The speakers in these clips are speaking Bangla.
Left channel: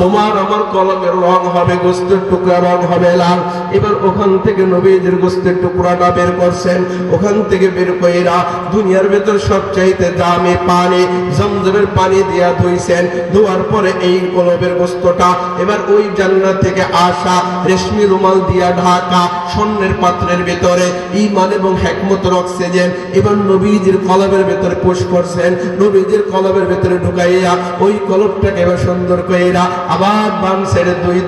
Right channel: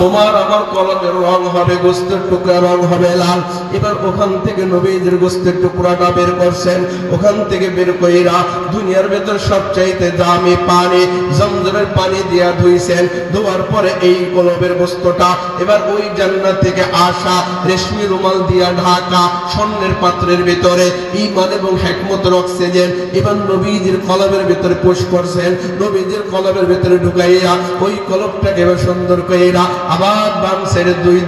তোমার আমার কলমের রং হবে গোস্তের টুকরা, রং হবে লাল। এবার ওখান থেকে নবীজির গোস্তের টুকরাটা বের করছেন, ওখান থেকে বের কইরা দুনিয়ার ভেতর সবচাইতে দামি পানি জমজমের পানি দিয়া ধুইছেন। ধোয়ার পরে এই কলমের গোস্তটা এবার ওই জান্নাত থেকে আসা রেশমি রুমাল দিয়া ঢাকা স্বর্ণের পাত্রের ভিতরে ঈমান এবং হিকমতের অক্সিজেন এবার নবীজির কলমের ভিতরে পুশ করছেন। নবীজির কলমের ভিতরে ঢুকাইয়া ওই কলমটাকে এবার সুন্দর কইরা আবার বাম সাইডে দুই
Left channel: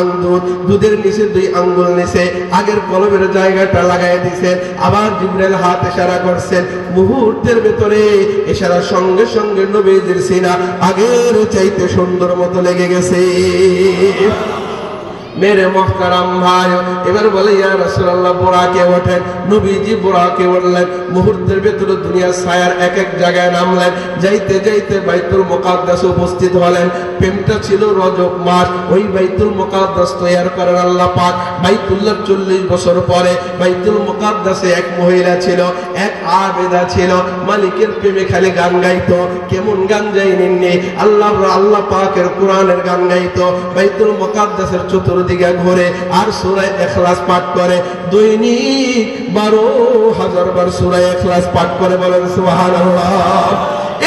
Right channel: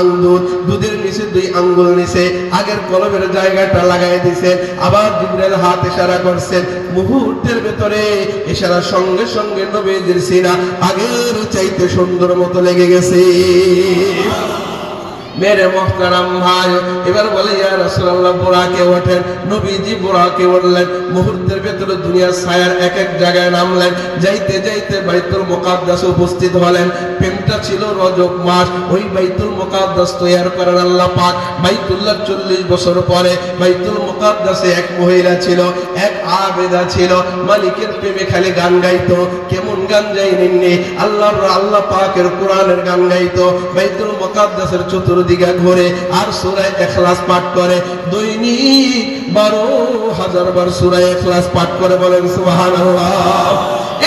আঙ্গুল, দুধের নিচে 2 আঙ্গুল নিচে আগের কলমের জায়গাটা লাগাই দিছে। আবার জিবরাইল হাত ইশারা করছেন, মুহূর্তের ভিতরে ইশারার সঙ্গে সঙ্গে নবীজির সিনা আগের চাইতে সুন্দর মতো লেগে গেছে। मेरे मोहतरम भाई এবার বলে ইয়া রাসূলুল্লাহ বুরাকে ওঠেন। নবীজি বুরাকে উঠলেন, মুহূর্তের ভিতরে দুনিয়ার ছায়ার এক এক জায়গায় নামলেন। যাইতে যাইতে বাইতুল মুকাদ্দাস উপস্থিত হলেন। প্রেমটা ছিল রজব মাস, ওই বাইতুল মুকাদ্দাস তৈরি করেন আল্লাহ পাক। বাইতুল্লাহ 40 বছর পরে বাইতুল মুকাদ্দাসে এক মহিলা ছিল, এক আবেদা ছিল, মালিকের প্রেমে খালি গান গাইতো। কেমন গান যাইনি আল্লাহ পাকের কোরআনের গান গাইতো। বাইতুল মুকাদ্দাসের চতুর্দিকে ঘুরে আর সূরা ইখলাস পাঠ করে। দৈনিক 12,000 বার সূরা ইখলাস পাঠ করে, বলেন সুবহানাল্লাহ।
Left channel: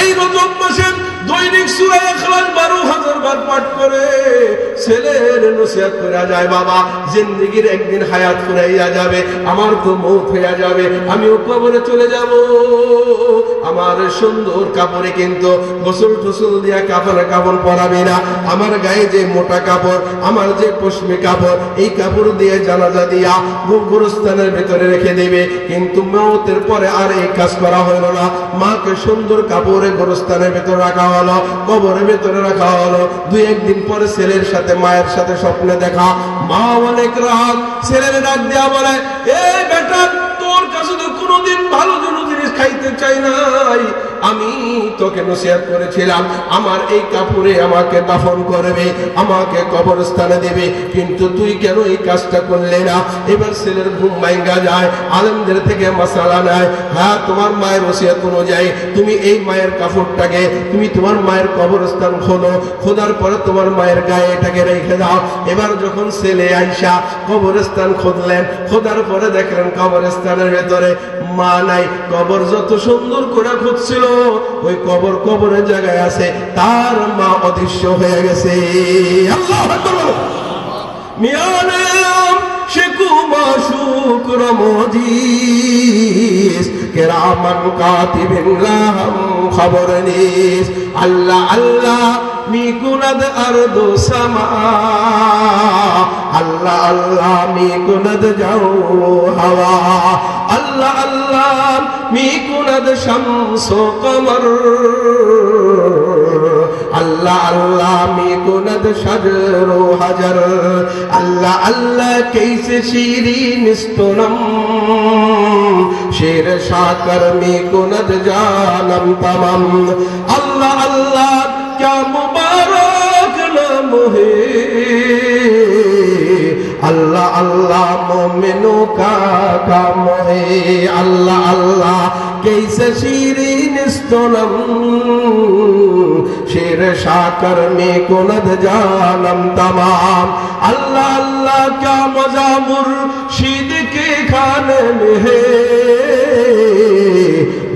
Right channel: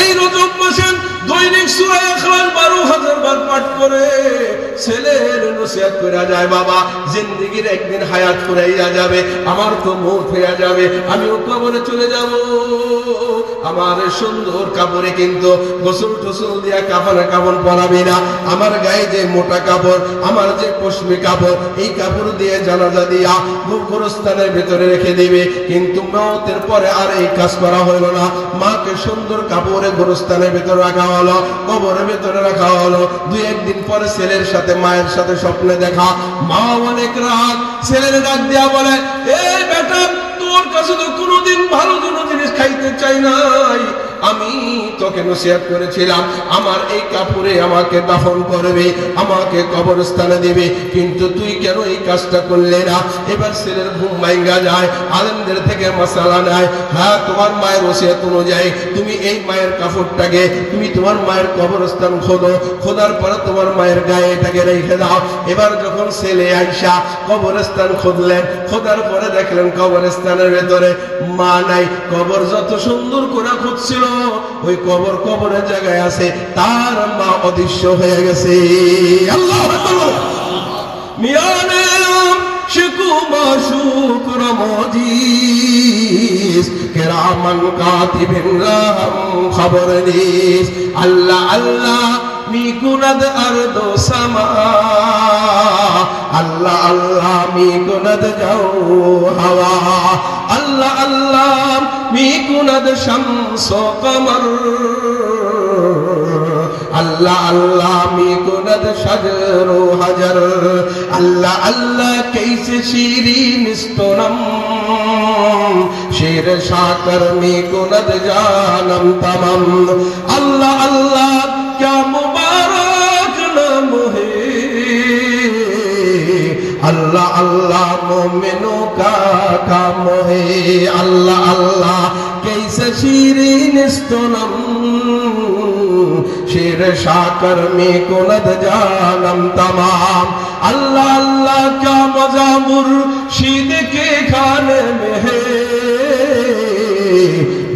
এই রজব মাসে দৈনিক সূরা ইখলাস 12,000 বার পাঠ করে ছেলের নসিহত করে যায়, বাবা জিন্দেগির একদিন হায়াত ফুরাইয়া যাবে, আমার তো মওত হয়ে যাবে, আমিও কবরে চলে যাব। আমার সুন্দর কাপড়ে কিন্তু গোসল টোসল দিয়া কাপড় পরাবি না। আমার গায়ে যে মোটা কাপড়, আমার যে পশমি কাপড়, এই কাপড় দিয়ে জানাজা দিয়া গোরস্থানের ভেতরে রেখে দেবে। কিন্তু মওতের পরে আর এই কাজ করা হলো না। মাকে সুন্দর কাপড়ে গোরস্থানের ভেতরে রাখা হলো, কবরের ভেতরে রাখা হলো। 2-1 দিন পরে ছেলের সাথে মায়ের সাথে স্বপ্নে দেখা। মা অনেক রাগ, ছেলের ডাক দিয়া বলে, এই বেটা তোর কাছে তো কোনোদিন ভালো কোনো জিনিস খাইতে চাই নাই, আমি তোকে নসিহত করেছিলাম আমার এই কাপড়ে আমাকে দাফন করবে, আমাকে কবরস্থানে দেবে, কিন্তু তুই কেন এই কাজটা করলে না? এবার ছেলের ঘুম ভাঙা যায়, আলেমদের থেকে মাসালা নাই। হ্যাঁ, তোমার মায়ের নসিহত অনুযায়ী তুমি এই মায়ের কাপড়টাকে তুমি তোমার মায়ের কবরস্থান খোদো, খোদার পরে তোমার মায়ের গায়ে এটাকে রেখে দাও। এবার যখন ছেলে আইসা কবরস্থান খুঁজলেন, খোদার পরে দেখলেন কবরস্থানের ভেতরে মা নাই। কবর যত সুন্দর করে খুঁজছিল, ওই কবরের জায়গায় আছে, তার মা অদৃশ্য হয়ে গেছে। আল্লাহু আকবার। মিয়ানে শিকুমা শুকর মজিস কিরামান কাতিবিন লাহম খবর নিস। আল্লাহ আল্লাহ মিকুনাদ আরদো সামা, আল্লাহ আল্লাহ মিকুনাদ যাও হাওয়া, আল্লাহ আল্লাহ মিকুনাদ শামস কমর, আল্লাহ আল্লাহ মিকুনাদ শাজর হাজার, আল্লাহ আল্লাহ कैसे शीरीन स्तनम शेर शाकर मिकुनाद जानम तमाम। अल्लाह अल्लाह क्या मुबारक नाम है, अल्लाह अल्लाह मोमिनों का काम है। अल्लाह अल्लाह कैसे शीरीन स्तनम शेर शाकर मिकुनाद जानम तमाम। अल्लाह अल्लाह क्या मजा मुर्शिद के खाने में है,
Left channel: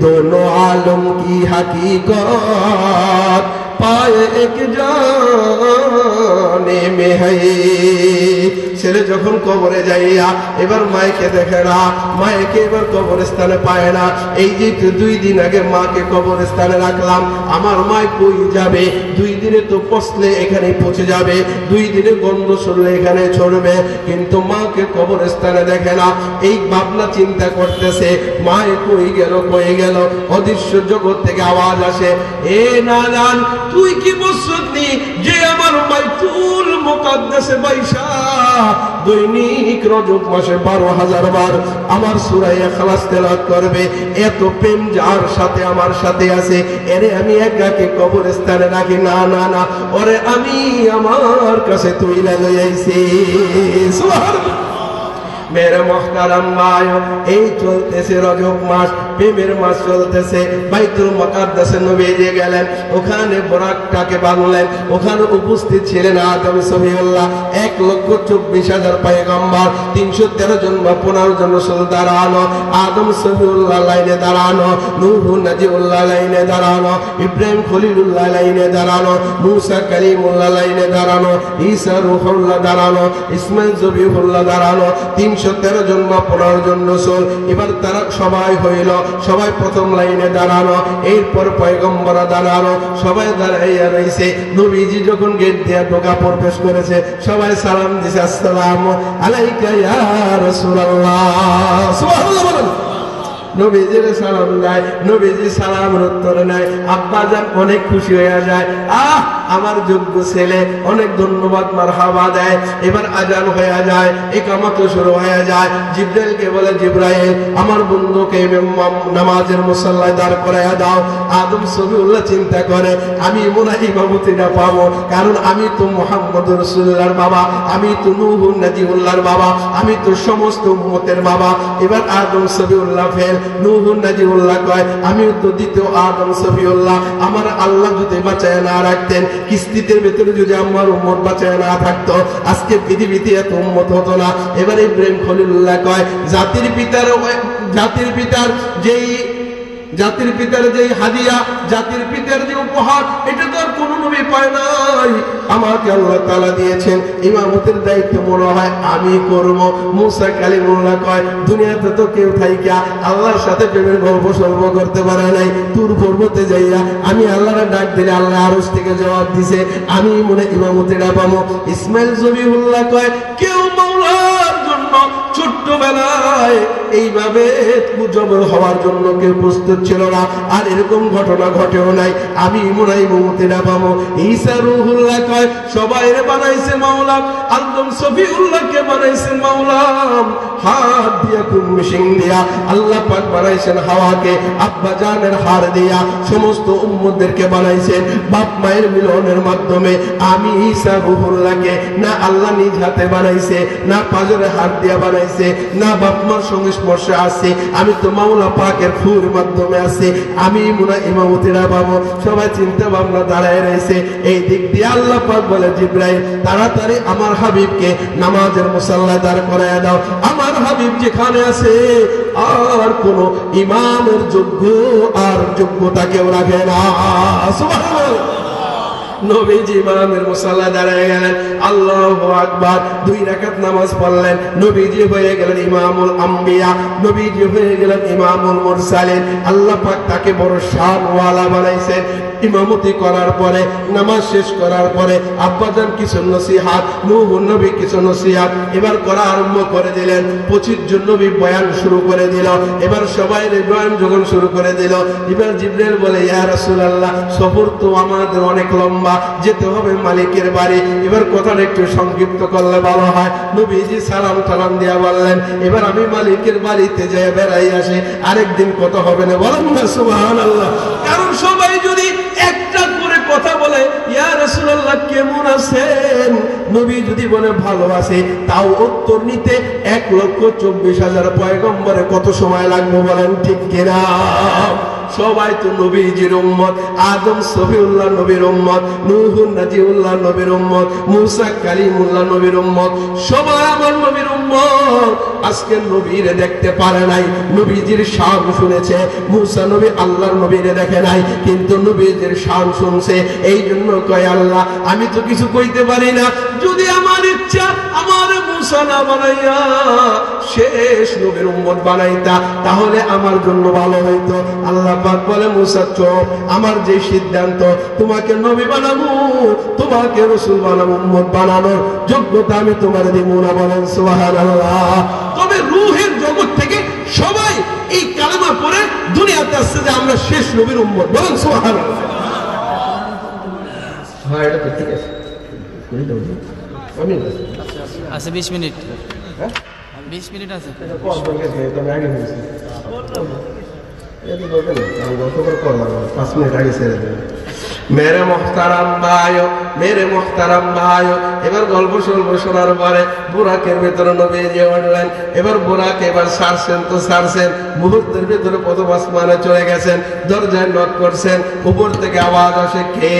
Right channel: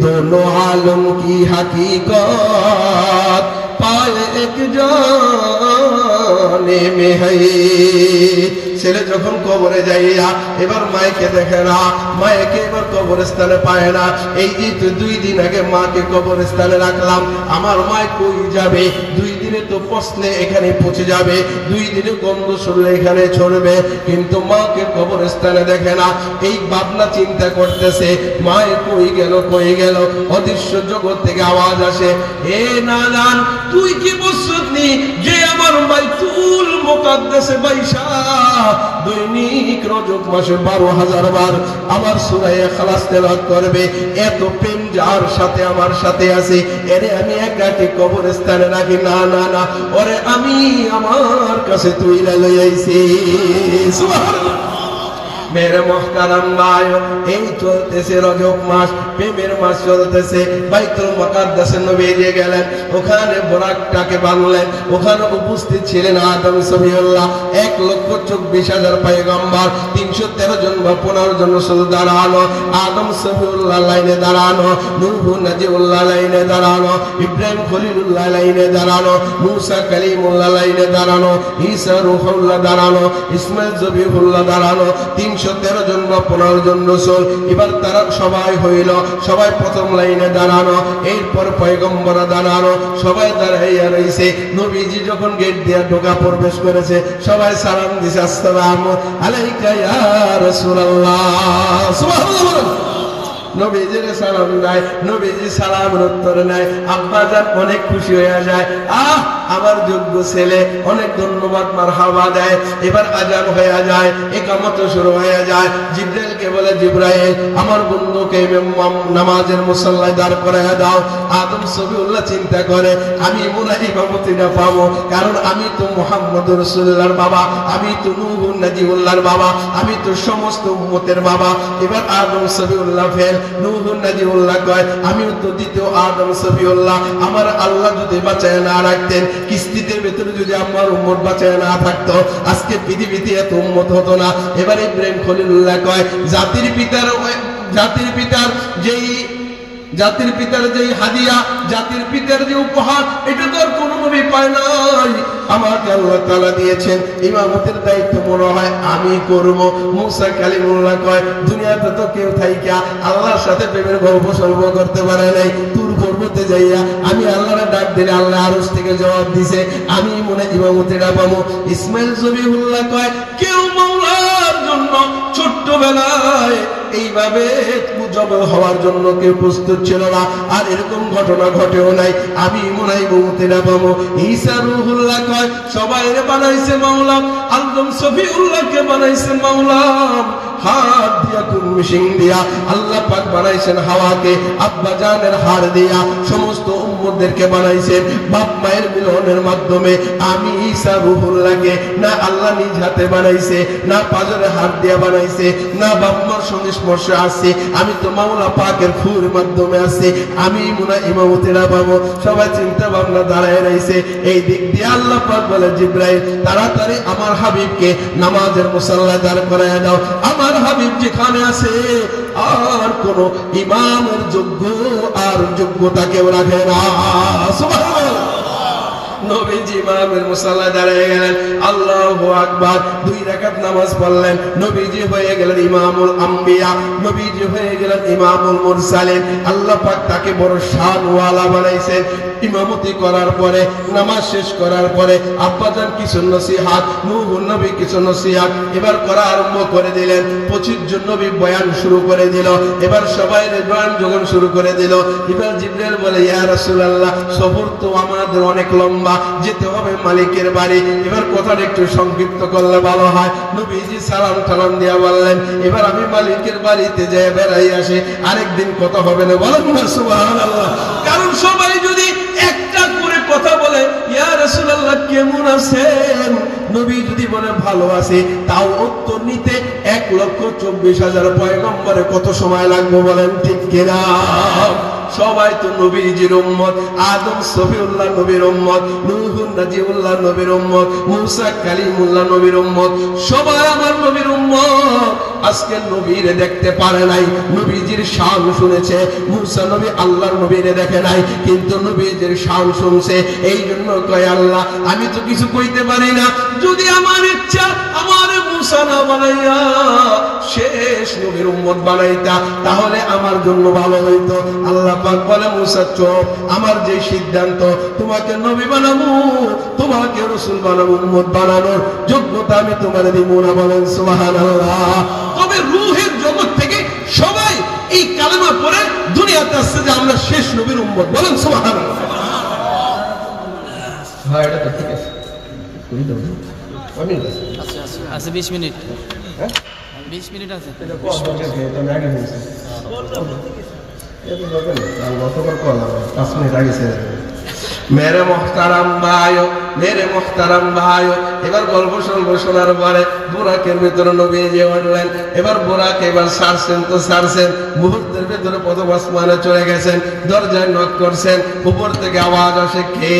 दोनों आलम की हकीकत पाए एक जाने में है। ছেলে যখন কবরে যাইয়া এবার মাইকে দেখে না, মাইকে এবার কবরস্থানে পায় না। এই যে তো 2 দিন আগে মাকে কবরস্থানে রাখলাম, আমার মা কই যাবে? 2 দিনে তো পচলে এখানে পচে যাবে, 2 দিনে গন্ধ শুনলে এখানে ছড়বে, কিন্তু মাকে কবরস্থানে দেখে না। এই ভাবনা চিন্তা করতেছে, মায়ে কই গেল। অদৃশ্য জগৎ থেকে আওয়াজ আসে, এ নানান তুই কি বুঝছনি যে আমার বাইতুল মুকাদ্দাসে বাইশা দৈনিক রজব মাসে 12,000 বার আমার সূরা ইখলাস তেলাওয়াত করবে। এত প্রেম যার সাথে আমার সাথে আছে, এরে আমি একাকে কবরস্থানে রাখি না, না না, ওরে আমি আমার কাছে তুইলা লই আইছি। সুবহানাল্লাহ। মেরে মুহতারাম ভাই, এই চলতেছে রজব মাস, প্রেমের মাস চলতেছে। বাইতুল মুকাদ্দাসে নবীজি গেলেন, ওখানে বোরাকটাকে বাঁধলেন। ওখানে উপস্থিত ছিলেন আদম সফিউল্লাহ, 1,24,000 পয়গম্বর, 313 জন বা 15 জন রাসূল দাঁড়ানো, আদম সফিউল্লাহ লাইনে দাঁড়ানো, নূহ নাজিউল্লাহ লাইনে দাঁড়ানো, ইব্রাহিম খলিলুল্লাহ লাইনে দাঁড়ানো, মুসা কালিমুল্লাহ লাইনে দাঁড়ানো, ঈসা রূহুল্লাহ দাঁড়ানো, ইসমাঈল জবিহুল্লাহ দাঁড়ানো, 313 জন বা 15 জন রাসূল। এবার তারা সবাই হইল, সবাই প্রথম লাইনে দাঁড়ানো, এরপর পয়গম্বররা দাঁড়ানো, সবাই দাঁড়াইয়া রইছে। নবীজি যখন গেট দিয়ে ঢোকা প্রবেশ করেছে, সবাই সালাম দিছে, আসসালামু আলাইকা ইয়া রাসূলুল্লাহ। সুবহানাল্লাহ। নবীজির সালাম দেয়, নবীজি সালামের উত্তর নেয়। আব্বা জান অনেক খুশি হয়ে যায়, আমার যোগ্য ছেলে, অনেক ধন্যবাদ, মারহাবা দেয়। এবার আজান হয়ে যায়, ইকামত শুরু হয়ে যায়। জিবরাইলকে বলে, জিবরাইল আমার বন্ধুকে নামাজের মুসাল্লায় দাঁড় করাইয়া দাও। আদম সফিউল্লাহ চিন্তা করে, আমি মনে হয় ইমামতিটা পাবো, কারণ আমি তো মুহাম্মদ রাসূলুল্লাহর বাবা, আমি তো নূহ নাজিউল্লাহর বাবা, আমি তো সমস্ত উম্মতের বাবা। এবার আদম সফিউল্লাহ ফেল, নূহ নাজিউল্লাহ কয়, আমিও তো দ্বিতীয় আদম সফিউল্লাহ। আমার আল্লাহ যদি বাঁচায় না রাখতেন, কিস্তিতে ভেতরে যদি আমার উম্মত বাঁচায় না থাকতো, আজকে পৃথিবীতে এত উম্মত হতো না। এবার ইব্রাহিম খলিলুল্লাহ কয়, জাতির পিতার যেই হাদিয়া, জাতির পিতার যে উপহার, এটা তো আর কোন নবী পায় নাই, আমাকে আল্লাহ তাআলা দিয়েছেন। ইমামতের দায়িত্ব মনে হয় আমি করব। মুসা কালিমুল্লাহ কয়, দুনিয়াতে তো কেউ থাইকা আল্লাহর সাথে প্রেমের গল্প সল্প করতে পারে নাই। তুর পর্বতে যাইয়া আমি আল্লাহরে ডাক দিলে আল্লাহ আরশ থেকে জবাব দিছে, আমি মনে ইমামতিটা পাবো। ইসমাঈল জবিহুল্লাহ কয়, কেউ মাওলার জন্য ছোট্টবেলায় এইভাবে জবর হওয়ার জন্য কেউ প্রস্তুত ছিল না, আর এরকম ঘটনা ঘটেও নাই, আমি মনে হয় মুক্তিটা পাবো। ঈসা রূহুল্লাহ কয়, সবাই বানাইছে মাওলা, আদম সফিউল্লাহকে বানাইছেন মাওলা, হাত দিয়া কুমিশিং দিয়া আল্লাহ পাক বানাইছেন হাওয়াকে, আব্বা জানের হাড় দিয়া সমস্ত উম্মতদেরকে বানাইছেন বাপ মায়ের মিলনের মাধ্যমে। আমি ঈসা রূহুল্লাহকে না আল্লাহ নিজ হাতে বানাইছে, না পাজরে হাত দিয়া বানাইছে, না বাপ মার সঙ্গে স্পর্শে আছে, আমি তো মাওলা পাকের ফুর মাধ্যমে আছে, আমি মুনা ইমামতিরা পাবো। সবাই চিন্তা ভাবনা দাঁড়ায় রয়েছে। এই দিক দিয়ে আল্লাহ পাক বলে, জিবরাইল তাড়াতাড়ি আমার হাবিবকে নামাজের মুসাল্লা দাঁড় করায় দাও। আমার হাবিব যেখানে আছে আর কোন ইমামের যোগ্যতা কেউ রাখে না। সুবহানাল্লাহ। নবীজি ইমামের মুসাল্লা দাঁড়ায় গেলেন, আল্লাহু আকবার, 2 রাকাত নামাজ পড়লেন। নবীজি হয়ে গেলেন ইমামুল আম্বিয়া, নবীজি হয়ে গেলেন ইমামুল মুরসালিন। আল্লাহ পাক তাকে বড় শানওয়ালা বানাইছেন। ইমামতি করার পরে, নামাজ শেষ করার পরে আব্বাজান কিছু নসিহত, নূহ নবী কিছু নসিহত এবার করা আরম্ভ করে দিলেন। 25 জন নবী বয়ান শুরু করে দিল। এবার সবাই বয়ান যখন শুরু করে দিল, এবার জিবরাইল বলে, ইয়া রাসূলুল্লাহ, সফর তো আমাদের অনেক লম্বা, যেতে হবে মালিকের বাড়ি। এবার কথাটা একটু সংক্ষিপ্ত করলে ভালো হয়। নবীজি সালাম টালাম দিয়া বললেন, এবার আমি মালিকের বাড়িতে যাই বেড়াই আসি, আরেকদিন কথা হবে না। বলেন না সুবহানাল্লাহ। কারণ সবাই যদি একটা করে কথা বলে, ইয়া রাসূলুল্লাহ কেমন আছেন, নবী যদি বলে ভালো আছে, তাও উত্তর নিতে 1,24,000 পয়গম্বরে কত সময় লাগবে বলেন, ঠিক কিনা? সবাই তো নবীজির উম্মত, আদম সফিউল্লাহ নবীর উম্মত, নূহ নাজিউল্লাহ নবীর উম্মত, মুসা কালিমুল্লাহ নবীর উম্মত, সবাই আমার নবীর উম্মত। আজকে নবীরে দেখতে পারে নাই, নবীজির শান শুনেছে। মুসা নবী আল্লাহর নবীরে দেখে নাই, কিন্তু নবীজির শান শুনছে। এই জন্য কয়, আল্লাহ আমি তো কিছু কইতে পারি না, যদি আমার ইচ্ছা আমার মুসা না বানাইয়া শেষ নবীর উম্মত বানাইতা, তাহলে আমার জন্য ভালো হইতো। আল্লাহ পাক বলে, মুসা চুপ, আমার যে সিদ্ধান্ত, তোমাকে নবী বানাবো, তোমাকে রাসূল বানাবো, উম্মত বানানোর যোগ্যতা আমি তোমার দিব না। বলেন সুবহানাল্লাহ। তবে রূহের জগৎ থেকে সবাই এই কালেমা পড়ে দুনিয়াতে আসছে যে আমরা শেষ নবীর উম্মত। বলেন সুবহানাল্লাহ। হ্যাঁ, এটা তো ঠিক আছে। আছে 20 মিনিট। হ্যাঁ 20 মিনিট আছে। मेरे मोहतरम भाइयों, মেরে মুহতারাম ভাই, এবার গল্প সল্প শোনার পরে বুরাকের ভেতরে নবীজি উঠলেন। এবার বুরাকে এবার ছাড়ছেন তো ছাড়ছেন, মুহূর্তের ভেতরে প্রথম আসমানে চলে গেছেন। দরজায় নক করছেন, উপর থেকে আওয়াজ আসে, কে?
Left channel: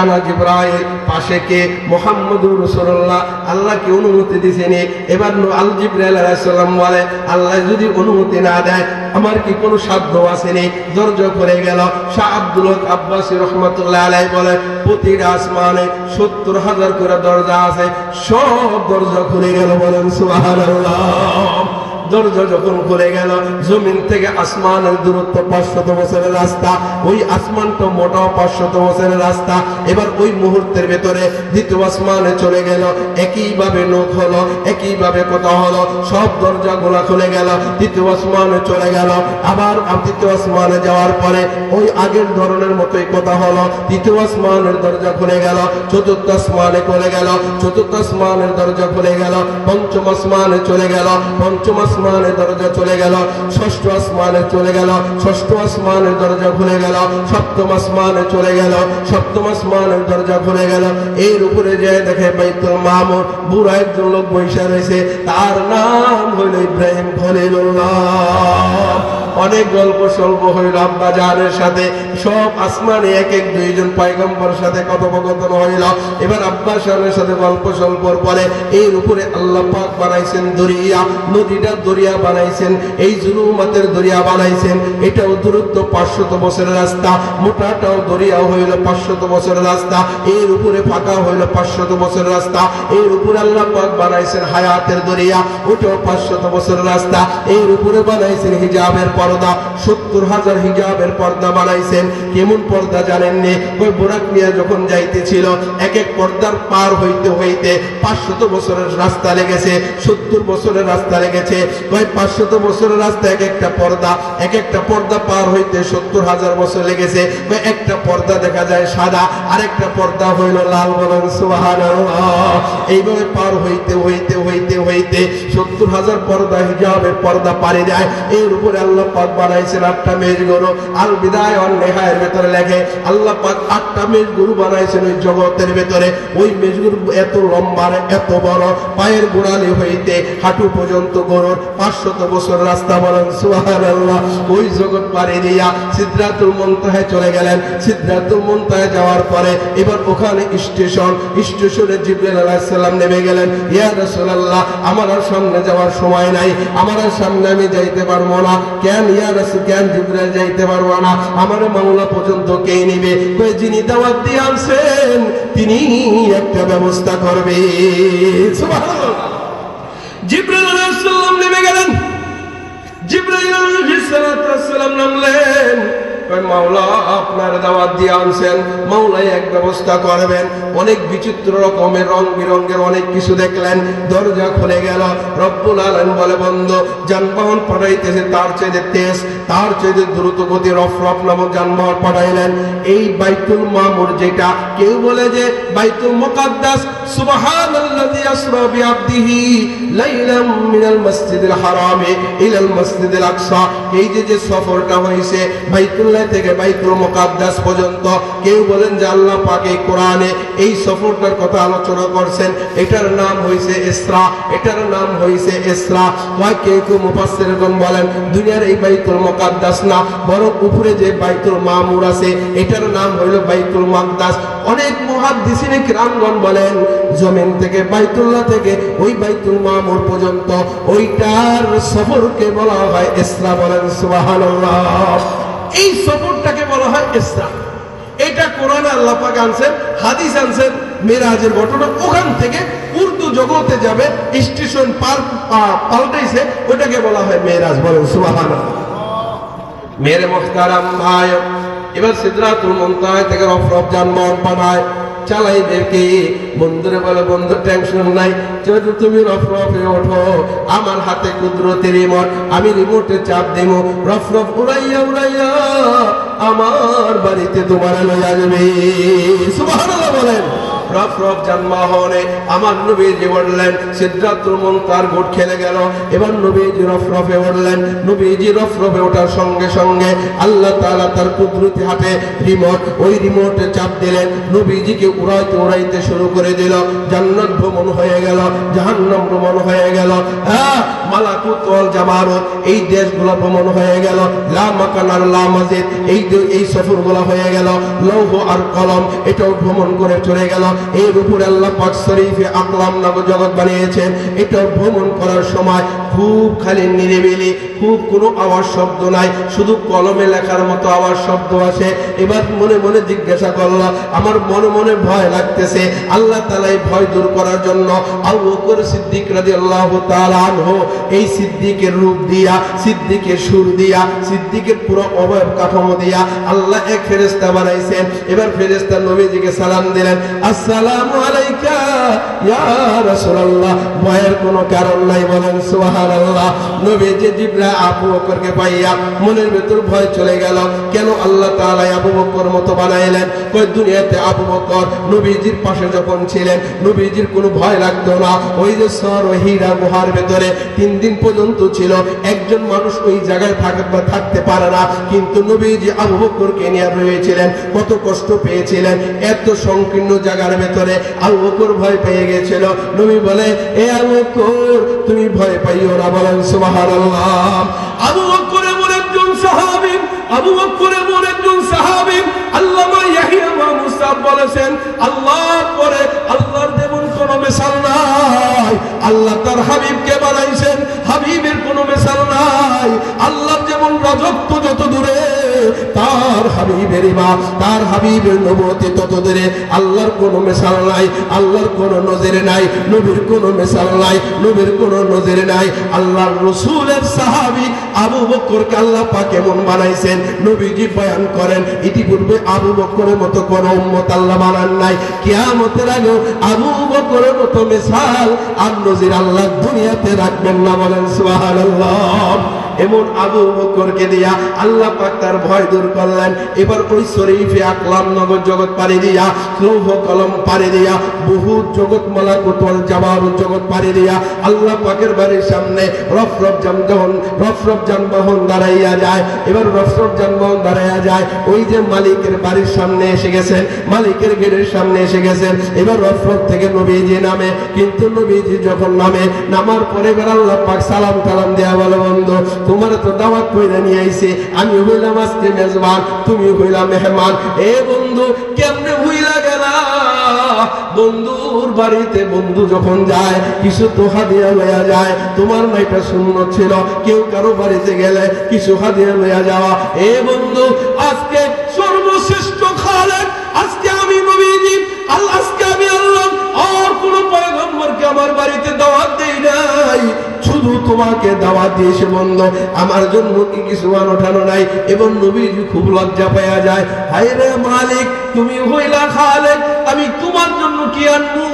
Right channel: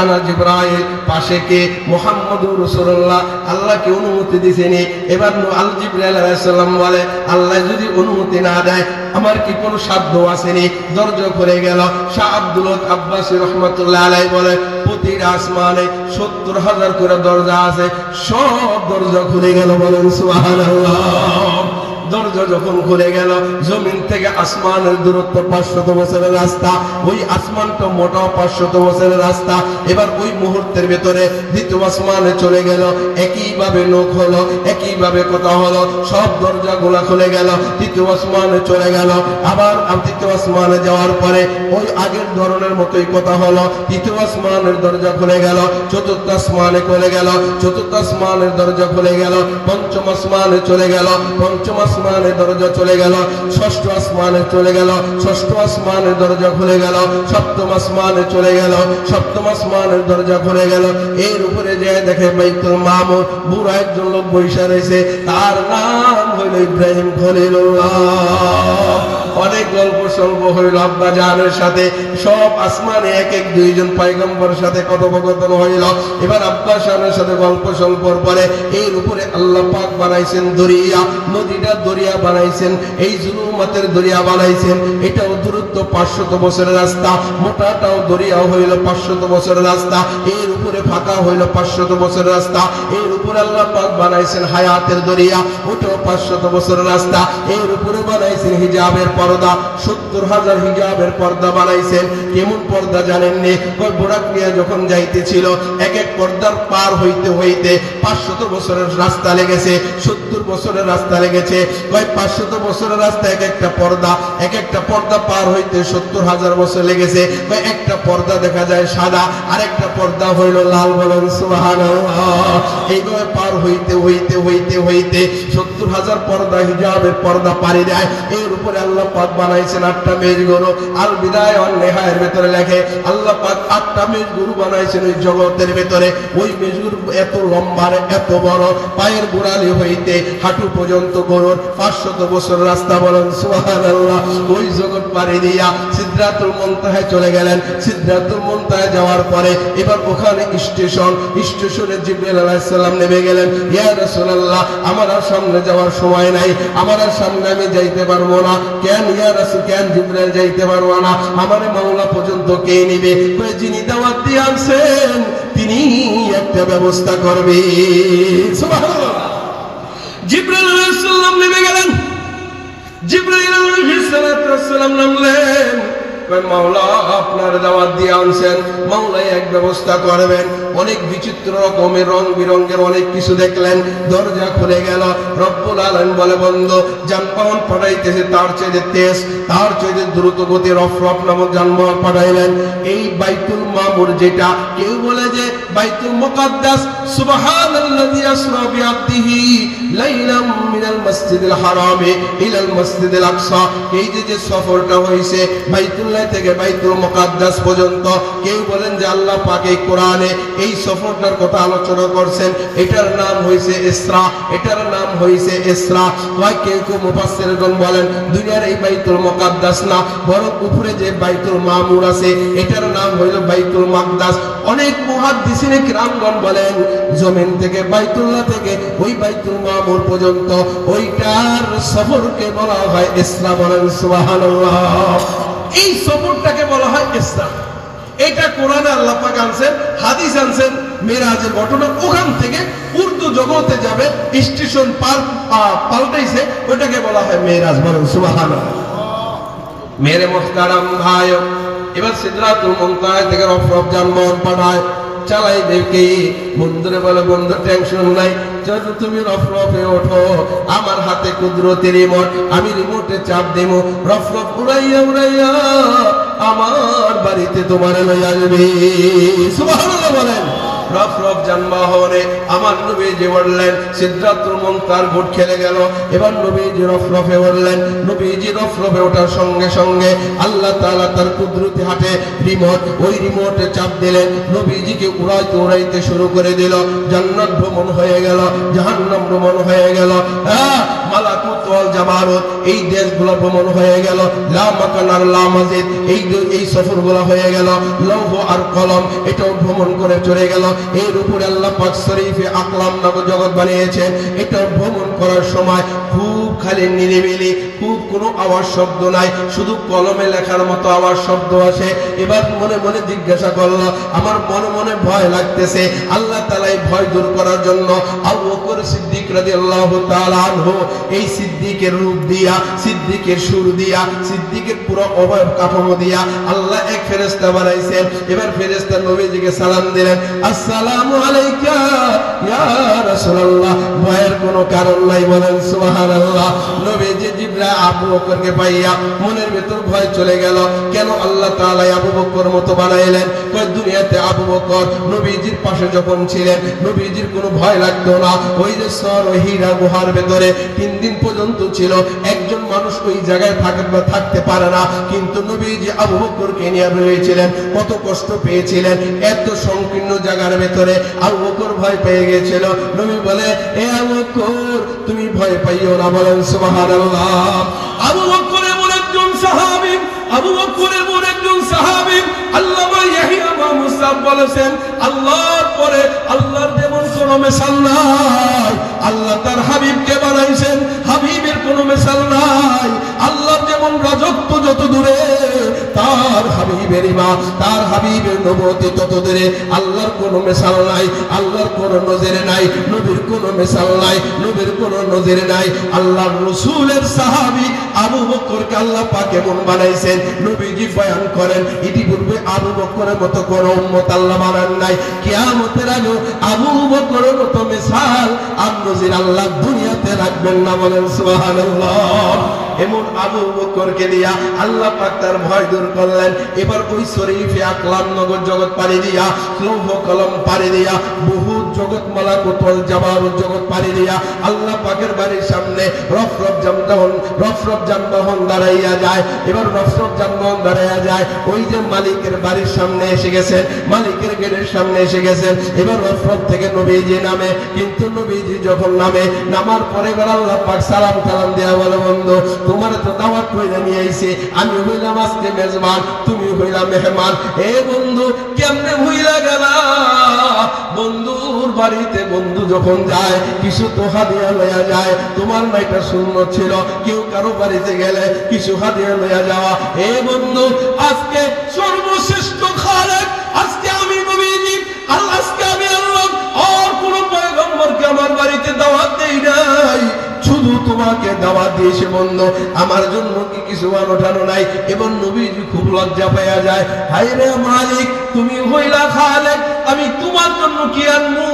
আনা জিবরাইল। পাশে কে? মুহাম্মদুর রাসূলুল্লাহ। আল্লাহকে অনুমতি দিছেনি। এবার আল জিবরাইল আলাইহিস সালাম বলে, আল্লাহ যদি অনুমতি না দেয় আমার কি কোনো সাধ্য আসেনি? দরজা খুলে গেল। শাহ আব্দুল আব্বাসী রহমাতুল্লাহ আলাইহি বলে, প্রতিটা আসমানে 70,000 করে দরজা আছে, সব দরজা খুলে গেল। বলেন সুবহানাল্লাহ। দরজা যখন খুলে গেল, জমিন থেকে আসমানের দূরত্ব 500 বছরের রাস্তা। ওই আসমানটা মোটা 500 বছরের রাস্তা। এবার ওই মুহূর্তের ভেতরে দ্বিতীয় আসমানে চলে গেল। একইভাবে নখ হলো, একইভাবে কথা হলো, সব দরজাগুলো খুলে গেল। তৃতীয় আসমানে চলে গেল। আবার তৃতীয় আসমানে যাওয়ার পরে ওই আগের ধরনের মতোই কথা হলো। তৃতীয় আসমানের দরজা খুলে গেল। চতুর্থ আসমানে খুলে গেল। চতুর্থ আসমানের দরজা খুলে গেল। পঞ্চম আসমানে চলে গেল। পঞ্চম আসমানের দরজা চলে গেল। ষষ্ঠ আসমানে চলে গেল। ষষ্ঠ আসমানের দরজা খুলে গেল। সপ্তম আসমানে চলে গেল। সপ্তম আসমানের দরজা খুলে গেল। এর উপরে যায় দেখে বাইতুল মামুর, বুড়া একজন লোক বৈশা রয়েছে, তার নাম হইল ইব্রাহিম খলিলুল্লাহ। অনেক গল্প স্বল্প হইল আব্বা জানের সাথে। সব আসমানে এক এক দুইজন পয়গম্বর সাথে কথোপকথন হইল। এবার আব্বা জানের সাথে গল্প স্বল্পর পরে এর উপরে আল্লাহ পাক বানাইছেন দরিয়া। নদীটা দরিয়া বানাইছেন, এই জুলুমাতের দরিয়া বানাইছেন। এটাও দূরত্ব 500 বছরের রাস্তা, মোটাটাও দরিয়াও হইল 500 বছরের রাস্তা। এর উপরে ফাঁকা হইল 500 বছরের রাস্তা। এর উপরে আল্লাহ পাক বানাইছেন হায়াতের দরিয়া, ওটাও 500 বছরের রাস্তা। এর উপরে বানাইছেন হিজাবের পর্দা, 70,000 হিজাবের পর্দা বানাইছেন। কেমন পর্দা জানেননি? ওই বোরাক নিয়ে যখন যাইতেছিল, এক এক পর্দার পার হইতে হইতে 500 বছরের রাস্তা লেগেছে, 70 বছরের রাস্তা লেগেছে। ওই 500 বছরের রাস্তা এক একটা পর্দা, এক একটা পর্দা পার হইতে 70,000 বছর লেগেছে। একটা পর্দা দেখা যায় সাদা, আর একটা পর্দা হইল লাল। বলুন সুবহানাল্লাহ। এইভাবে পার হইতে হইতে হইতে হইতে 70,000 পর্দা হিজাবের পর্দা পারি দেয়। এর উপরে আল্লাহ পাক বানাইছেন 8টা মেজগুরু। আল বিদায় ওয়ান নিহায়ার ভেতরে লেখে আল্লাহ পাক 8টা মেজগুরু বানাইছেন ওই জগতের ভেতরে। ওই মেজগুরু এত লম্বা, এত বড়, পায়ের গোড়ালি হইতে হাঁটু পর্যন্ত গরুর 500 বছর রাস্তা। বলেন সুবহানাল্লাহ। ওই জগৎ পাড়ি দিয়া সিদরাতুল মুনতাহায় চলে গেলেন। সিদরাতুল মুনতাহায় যাওয়ার পরে এবার ওখানে স্টেশনে জিবরাইল আলাইহিস সালাম নেমে গেলেন। ইয়া রাসূলুল্লাহ, আমার আর সামনে যাওয়ার সময় নাই, আমার আর সামনে আমি যাইতে পারবো না। কেন ইয়া রাসূল, কেন জিবরাইল যাইতে পারবো না? আমার মাওলা পর্যন্ত কে নিবে? যিনি দাওয়াত দিয়ে আনছেন তিনি একটা ব্যবস্থা করবে। সুবহানাল্লাহ। জিবরাইল আলাইহিস সালাম নেমে গেলেন। জিবরাইল আলাইহিস সালাম নামলেন। মাওলা আপনার দাওয়াত দিয়ে আনছেন, মাওলাই এক ব্যবস্থা করবেন। অনেক বিচিত্র রকমের রং বিরঙ্গের অনেক কিছু দেখলেন। দরজা খুলে গেল। রব্বুল আলামিন বলে, বন্ধু যানবাহন পাঠাইতেছে তার চেয়ে তেজ, তার চেয়ে দ্রুত গতি রফরফ নামক যানবাহন পাঠাইলেন। এই বাইতুল মামুর, যেটা কেউ বলে যে বাইতুল মুকাদ্দাস, সুবহানাল্লাযী আসরা বিআবদিহি লাইলাম মিনাল মাসজিদিল হারামি ইলাল মাসজিদিল আকসা। এই যে সফরটা হইছে বাইতুল্লাহ থেকে বাইতুল মুকাদ্দাস পর্যন্ত, কেউ বলেন যে আল্লাহ পাক এই কোরআনে এই সফরটার কথা আলোচনা করছেন। এটার নাম হইছে ইসরা, এটার নাম হইছে ইসরা। কেউ মুফাসসিরগণ বলেন দুনিয়ার এই বাইতুল মুকাদ্দাস না, বরং উপরে যে বাইতুল মামুর আছে এটার নাম হইল বাইতুল মাকদাস। অনেক মুহাদ্দিসিনে কিরামগণ বলেন জমিন থেকে বাইতুল্লাহ থেকে ওই বাইতুল মামুর পর্যন্ত ওইটার সফরকে বলা হয় ইসরা। বলেন সুবহানাল্লাহ। এই সফরটাকে বলা হয় ইসরা। এটা কোরআনে আল্লাহ পাক আনছেন, হাদিস আনছেন। মেরাজের ঘটনা ওখান থেকে উর্দু জগতে যাবে, স্টেশন পাল্টাইছে, ওটাকে বলা হয় মেরাজ। বলেন সুবহানাল্লাহ। মেরে মুহতারাম ভাই, এবার সিদরাতুল মুনতাহা থেকে রফরফ যানবাহন পাঠায়, চালাই দেখে বন্ধুরে বলে, বন্ধু টেনশন নাই, যেহেতু তুমি রফরফে ওঠো, আমার হাতে কুদরতের রিমোট, আমি রিমোটে চাপ দেব, রফরফ উড়াইয়া উড়াইয়া আমার বাড়িতে তোমার লই আসবে। সুবহানাল্লাহ বলেন। রফ রফ যানবাহনে আমার নবীজি বললেন সিদরাতুল মুনতাহার ঘুট খেলে গেল। এবার নবীজি রফ রফে উঠলেন। নবীজি রফ রফে ওঠার সঙ্গে সঙ্গে আল্লাহ তাআলা তার কুদরতি হাতে রিমোট, ওই রিমোটে চাপ দিলেন, নবীজিকে উড়াইতে শুরু করে দিল। জান্নাত ভ্রমণ হয়ে গেল, জাহান্নাম ভ্রমণ হয়ে গেল, মালাকুত ওয়াল জাবারুত এই দেশগুলো ভ্রমণ হয়ে গেল, লা মাকান আর লা মাজিদ এই সফরগুলো হয়ে গেল, লৌহ আর কলম এটাও ভ্রমণ করে চলে গেল। এর উপরে আল্লাহ পাক শরীফে আকলাম নামক জগৎ বানিয়েছেন। এটাও ভ্রমণ করার সময় খুব খালি নিরিবিলি, খুব কোনো আওয়াজ শব্দ নাই, শুধু কলমে লেখার মতো আওয়াজ শব্দ আসে। এবার মনে মনে জিজ্ঞাসা করল, আমার মনে মনে ভয় লাগতেছে। আল্লাহ তাআলা এই ভয় দূর করার জন্য আবু বকর সিদ্দিক রাদিয়াল্লাহু তাআলা আনহু এই সিদ্দিকের রূপ দিয়া, সিদ্দিকের সুর দিয়া, সিদ্দিকের পুরো অবয়ব কাঠামো দিয়া আল্লাহ এক ফেরেশতা বানাইছেন। এবার ফেরেশতা নবীজিকে সালাম দিলেন, আসসালামু আলাইকা ইয়া রাসূলুল্লাহ। ভয়ের কোনো কারণ নাই, বলেন সুবহানাল্লাহ। নবীজি জিবরাইল আবু বকরকে পাইয়া মনের ভিতর ভয় চলে গেল। কেন আল্লাহ তাআলা আবু বকর মতো বানাইলেন? কই দুনিয়াতে আবু বকর নবীজির পাশে যখন ছিলেন নবীজির কোনো ভয় লাগতো না। ওই যে সর হীরা গুহার ভেতরে 3 দিন পর্যন্ত ছিল, একজন মানুষ ওই জায়গায় থাকতে পারে না, কিন্তু নবীজি আবু বকরকে নিয়ে রয়েছিলেন। কত কষ্ট পেয়েছিলেন, এত সংকীর্ণ জায়গার ভেতরে আবু বকর ভয় পেয়ে গেছিল। নবী বলে, এ আবু বকর তুমি ভয় পাইও না, বলেন সুবহানাল্লাহ। আবু বকর এমন একজন সাহাবী, আবু বকর এমন একজন সাহাবী, আল্লামা ইয়াহইয়া মুসাব বলেছেন, আল্লাহর পরে আল্লাহর যেমন কোনো মিসাল নাই। আল্লাহ তার হাবিবকে বানাইছেন, হাবিবের কোনো মিসাল নাই। আল্লাহর যেমন রাজত্ব যত দূরে, তার হাবিবের ইমাম, তার হাবিবের নবুয়ত তত দূরে। আল্লাহর কোনো মিসাল নাই, আল্লাহর কোনো নজির নাই, নবীর কোনো মিসাল নাই, নবীর কোনো নজির নাই। আল্লাহর রাসূলের সাহাবী আবু বকরকে আল্লাহ পাক এমন বানাইছেন, নবীজি বয়ান করেন ইতিপূর্বে আবু বকরের মতো কোন উম্মত আল্লাহ বানান নাই। কিয়ামতের আগে আবু বকরের মতো মিসাল আর নজির আল্লাহ দুনিয়াতে রাখবেন না, বলেন সুবহানাল্লাহ। এমন আবু বকরকে দিয়া আল্লাহ পাক তার ভয় দূর করলেন। এবার ওই শরীফে আকলাম নগর জগৎ পাড়ি দিয়া, লৌহ কলম পাড়ি দিয়া, বহু জগৎ মালাকুত ওয়াল জাবারুত জগৎ পাড়ি দিয়া আল্লাহ পাকের বাড়ির সামনে রফ রফ যানবাহন দাঁড়াইয়া যায়। এবার রফ রফ যানবাহন দাঁড়াইয়া যায়, ওই যে মালিকের বাড়ির সামনে এসে গেছেন, মালিকের গেটের সামনে এসে গেছেন। এবার রফ রফ থেকে নবীজি নামে, কিন্তু নবীজি যখন নামার পরে এবার আল্লাহ পাক সালাম কালাম দেয়া বলে, বন্ধু তোমার তো দাওয়াত কইরা নিয়ে আইছে, আমি হইলাম আজকে মেজবান, তুমি হইলাম মেহমান। এ বন্ধু কেমনে হইলা গেলা? বন্ধুর বাড়িতে বন্ধু যখন যায় কিছু তো হাদিয়া লইয়া যায়। তোমার না এটা সুন্নত ছিল, কেউ কারো বাড়িতে গেলে কিছু হাদিয়া লইয়া যাওয়া। এ বন্ধু আজকে সর্বশ্রেষ্ঠ খালেক, আজকে আমি নবীজি, আজকে আমি আল্লাহ আর কোন পয়গম্বরকে আমার বাড়িতে দাওয়াত দেই নাই, শুধু তোমাকে দাওয়াত দিয়েছে। বন্ধু আমার জন্য কি কিছু আনোঠানো নাই? এবং নবীজি খুব লজ্জা পাইয়া যায়, হায় রে মালিক, তুমি হইলা খালেক, আমি তোমার জন্য কি আনবো?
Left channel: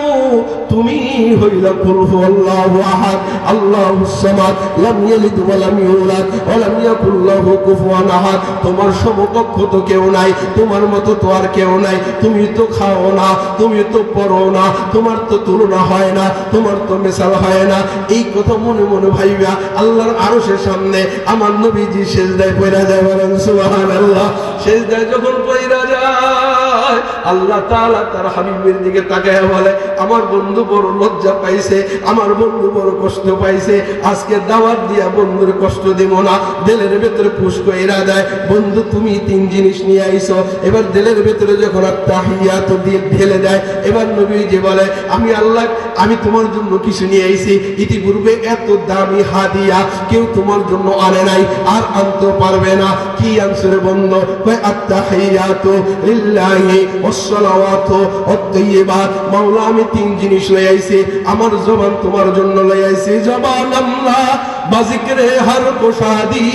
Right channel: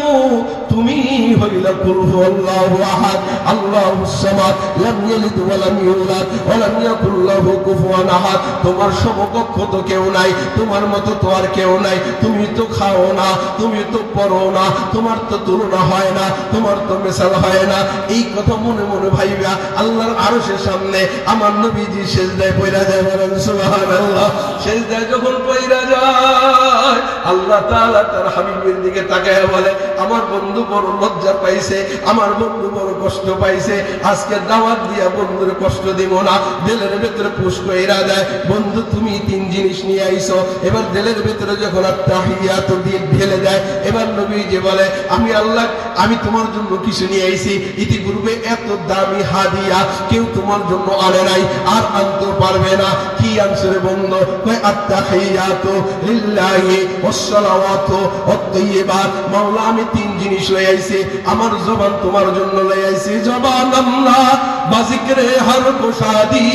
তুমি হইলা কুরহু আল্লাহু আহাদ, আল্লাহুস সামাদ, লাম ইয়ালিদ ওয়া লাম ইউলাদ ওয়া লাম ইয়াকুল লাহু কুফুয়ান আহাদ। তোমার সমকক্ষ তো কেউ নাই, তোমার মতো তো আর কেউ নাই। তুমি তো খাও না, তুমি তো পড়ো না, তোমার তো তুলনা হয় না, তোমার তো মিসাল হয় না। এই কথা মনে মনে ভাইবা আল্লাহর আরশের সামনে আমার নবীজি সিজদায় পড়া যায়, বলেন সুবহানাল্লাহ। সিজদায় যখন পড়া যায় আল্লাহ তাআলা তার হাবিবের দিকে তাকায় বলে, আমার বন্ধু বড় লজ্জা পাইছে, আমার বন্ধু বড় কষ্ট পাইছে, আজকে দাওয়াত দিয়া বন্ধুর কষ্ট দিব না। দিলের ভেতরে পুশ কইরা দেয়, বন্ধু তুমি 3 জিনিস নিয়ে আইছো। এবার দিলের ভেতরে যখন আত্তাহিয়াত ঢেলে দেয়, এবার নবীজি বলে, আমি আল্লাহ, আমি তোমার জন্য কিছু নিয়ে আইছি, ইতিপূর্বে এত দামি হাদিয়া কেউ তোমার জন্য আনে নাই, আর আনতে পারবে না। কি আনছো রে বন্ধু? কয় আত্তাহিয়াতু লিল্লাহি ওয়াস সালাওয়াতু ওয়াত তাইয়্যিবাত। মাওলা আমি 3 জিনিস লই আইছি, আমার জবান তোমার জন্য লই আইছি। জবান আল্লাহ বাজিকরে হর কো শাদি,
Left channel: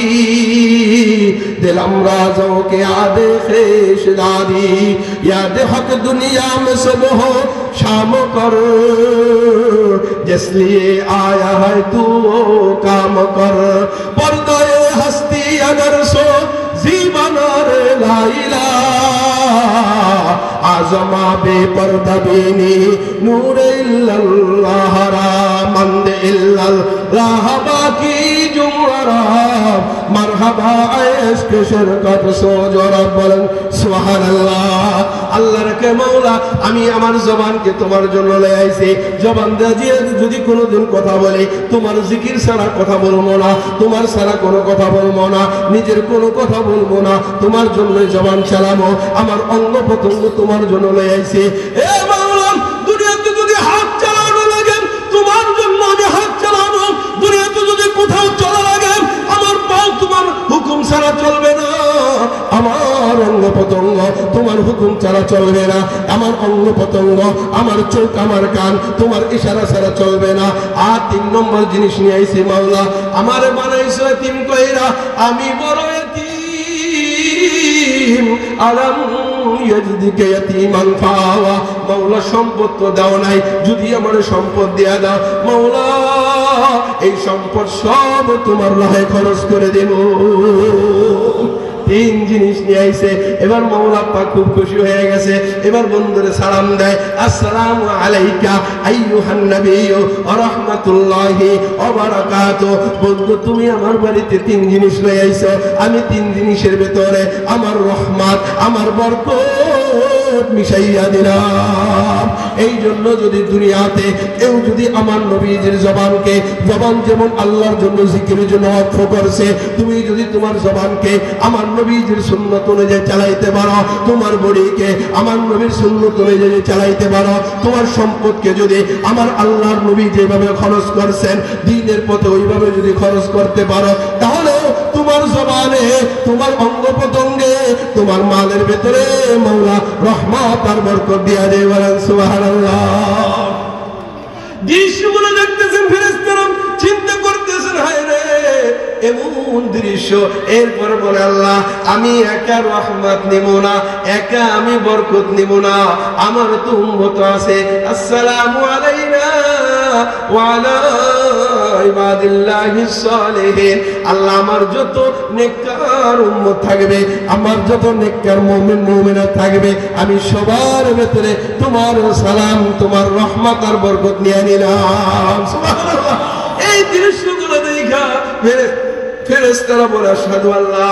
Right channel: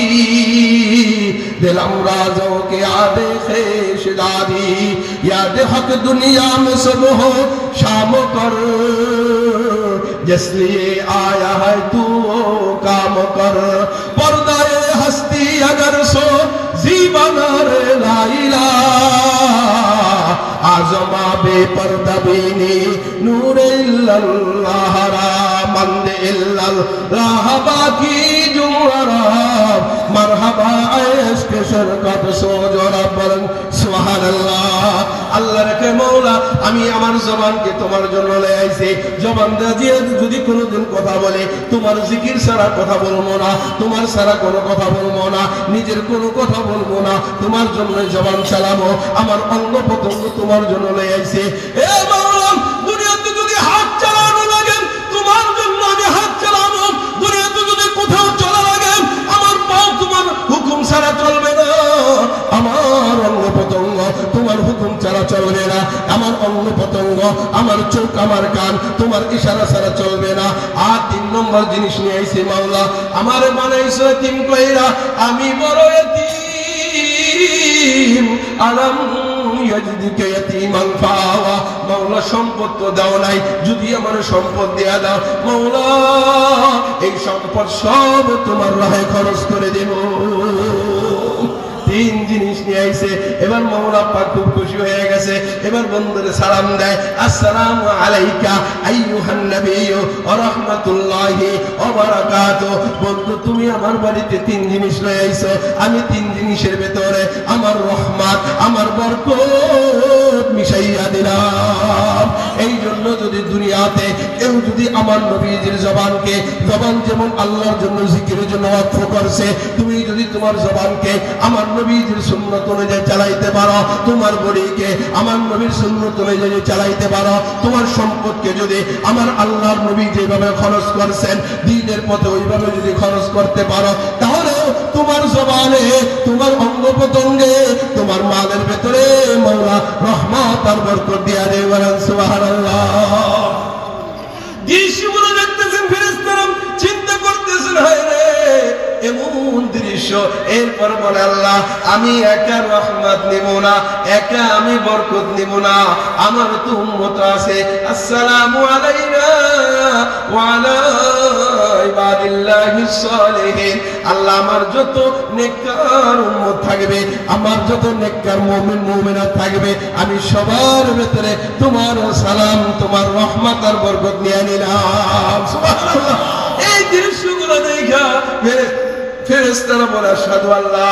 দিলম রাজো কে আদে খেশ দাদি, याद हक दुनिया में सब हो शाम कर, जिस लिए आया है तू वो काम कर। पर्दाए हस्ती अगर सो जीवना रे लाइला, आजमा बेपर्दा बीनी ইল্লাল্লাহ মান ইল্লাল্লাহ বাকি জুমরা মারহাবা ইশক শরকত সোজরব বলেন সুবহানাল্লাহ। আল্লাহ রাখে মাওলা আমি আমার জবানকে তোমার জন্য লয়ে আইছি, জবান দিয়ে যদি কোনোদিন কথা বলে তোমার জিকির ছাড়া কথা বলবো না, তোমার ছাড়া কোনো কথা বলবো না, নিজের কোনো কথা বলবো না, তোমার জন্য জবান চালাবো, আমার অঙ্গ প্রত্যঙ্গ তোমার জন্য লয়ে আইছি। এ মাওলা দুনিয়াতে যদি হাত চালানো লাগে তোমার জন্য আমি হাত চালাবো, দুনিয়াতে যদি কোথাও চলা লাগে আমার পাও তোমার হুকুম ছাড়া চলবে না, আমার অঙ্গ প্রত্যঙ্গ তোমার হুকুম ছাড়া চলবে না, আমার অঙ্গ প্রত্যঙ্গ আমার চোখ আমার কান তোমার ইশারা ছাড়া চলবে না। আর 3 নম্বর জিনিস নিয়ে আইছে মাওলা আমার বানাইছো এতিম কইরা, আমি বড় এতিম আলাম ইয়াজিদুকা ইয়াতীমান ফাওয়া। মাওলা সম্পদ তো দাও নাই, যদি আমার সম্পদ দেয়া দাও মাওলা এই সম্পদ সব তোমার রাহে খরচ করে দেব। 3 জিনিস নিয়ে আইছে। এবার মাওলা পাক খুব খুশি হয়ে গেছে, এবার বন্ধুরে সালাম দেয়, আসসালামু আলাইকা আইয়ুহান নাবিয়্যু ওয়া রাহমাতুল্লাহি ওয়া বারাকাতুহু। বন্ধু তুমি আমার বাড়িতে 3 জিনিস লয়ে আইছো, আমি 3 জিনিসের ভিতরে আমার রহমত আমার বরকত মিশাইয়া দিলাম। এই জন্য যদি দুনিয়াতে কেউ যদি আমার নবীজির জবানকে, জবান যেমন আল্লাহর জন্য জিকিরের জন্য ওয়াকফ করছে, তুমি যদি তোমার জবানকে আমার নবীজির সুন্নাত অনুযায়ী চালাইতে পারো, তোমার বডিকে আমার নবীর সুন্নাত অনুযায়ী চালাইতে পারো, তোমার সম্পদকে যদি আমার আল্লাহর নবী যেভাবে খরচ করছেন দ্বীনের পথে ওইভাবে যদি খরচ করতে পারো, তাহলে তোমার জবানে তোমার অঙ্গ প্রত্যঙ্গে তোমার মালের ভেতরে মাওলা রহমত আর বরকত দিয়া দেবে। বলেন সুবহানাল্লাহ। দৃশ্যগুলো দেখতেছেন ফেরেশতারা, চিন্তা করতেছেন হায় রে এমন দৃশ্য। এরপর বলে আল্লাহ আমি একা রহমত নিব না, একা আমি বরকত নিব না, আমার তো উম্মত আছে। আসসালামু আলাইনা ওয়া আলা ইবাদিল্লাহিস সালিহিন। আল্লাহ আমার যত নেককার উম্মত থাকবে, আমার যত নেককার মুমিন মুমিনাত থাকবে, আমি সবার ভেতরে তোমার সালাম তোমার রহমত আর বরকত নিয়ে নিলাম। সুবহানাল্লাহ। এই দৃশ্যগুলো দেখা ফেরেশতারা বলে আশহাদু আল্লা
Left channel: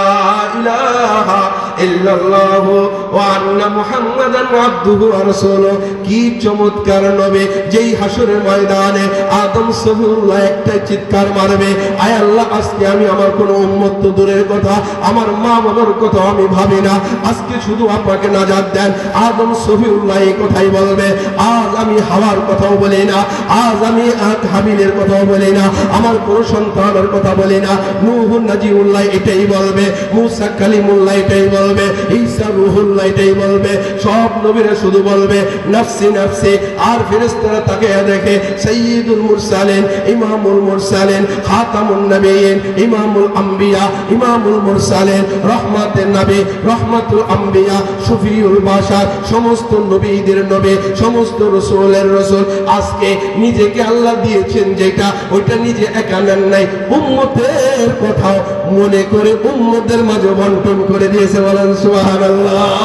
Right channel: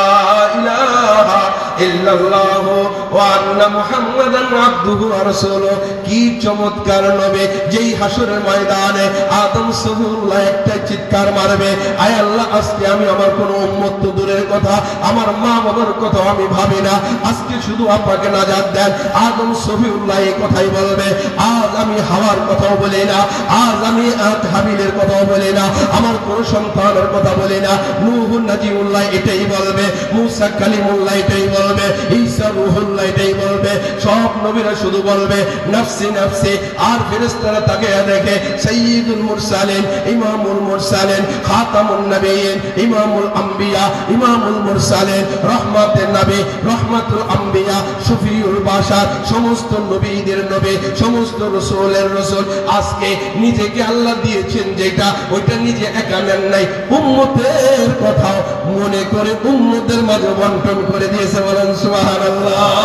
ইলাহা ইল্লাল্লাহু ওয়া আন্না মুহাম্মাদান আবদুহু ওয়া রাসূলুহু। কি চমৎকার নবী, যেই হাসরের ময়দানে আদম সফিউল্লাহ একটা চিৎকার মারবে, আয় আল্লাহ আজকে আমি আমার কোন উম্মত তো দূরের কথা আমার মা বাবার কথা আমি ভাবি না, আজকে শুধু আপনাকে নাজাত দেন। আদম সফিউল্লাহ এই কথাই বলবে, আজ আমি হাওয়ার কথাও বলি না, আজ আমি হাবিলের কথাও বলি না, আমার কোন সন্তানের কথা বলি না। নূহ নাজিউল্লাহ এটাই বলবে, মুসা কালিমুল্লাহ এটাই বলবে, ঈসা রূহুল্লাহ এটাই বলবে, সব নবীরা শুধু বলবে নফসি নফসি। আর ফেরেশতারা তাকে দেখে সাইয়্যিদুল মুরসালিন, ইমামুল মুরসালিন, খাতামুন নবিয়্যিন, ইমামুল আম্বিয়া, ইমামুল মুরসালিন, রহমাতুন নবী, রহমাতুল আম্বিয়া, শফিউল বাশার, সমস্ত নবীদের নবী, সমস্ত রাসূলের রাসূল। আজকে নিজেকে আল্লাহ দিয়েছেন যেটা, ওইটা নিজে একা নেন নাই, উম্মতের কথা মনে করে উম্মতের মাঝে বন্টন করে দিয়েছে। বলেন সুবহানাল্লাহ।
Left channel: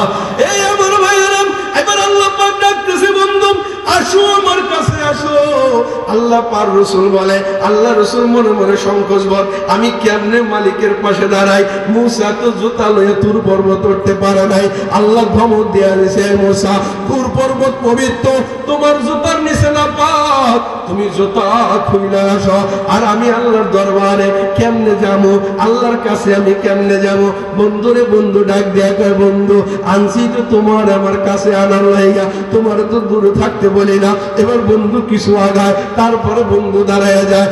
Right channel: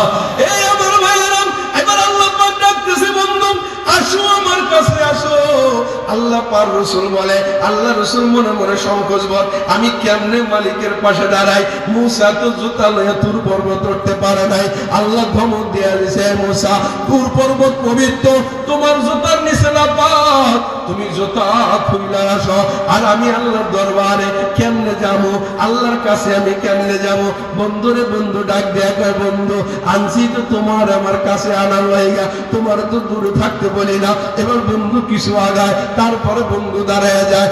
এই আমার ভাইরা, এবার আল্লাহ পাক ডাকতেছে বন্ধু আসো আমার কাছে আসো। আল্লাহ পাক রাসূল বলে, আল্লাহ রাসূল মনে মনে সংকোচ বোধ, আমি কেমনে মালিকের পাশে দাঁড়াই? মুসা তো জুতা লয়ে তুর পর্বত উঠতে পারে নাই, আল্লাহ ধমক দিয়ে দিয়েছে মুসা তুর পর্বত পবিত্র, তোমার জুতার নিচে না পাক, তুমি জুতা খুলে আসো। আর আমি আল্লাহর দরবারে কেমনে যাবো, আল্লাহর কাছে আমি কেমনে যাব? বন্ধুরে বন্ধু ডাক দেয়া কয়, বন্ধু আনছি তো তোমার আমার কাছে আনার লাইগা, তোমার তো দূরে থাকতে বলি না। এবার বন্ধু কিছু আগায়, তারপরে বন্ধু দাঁড়ায় যায়,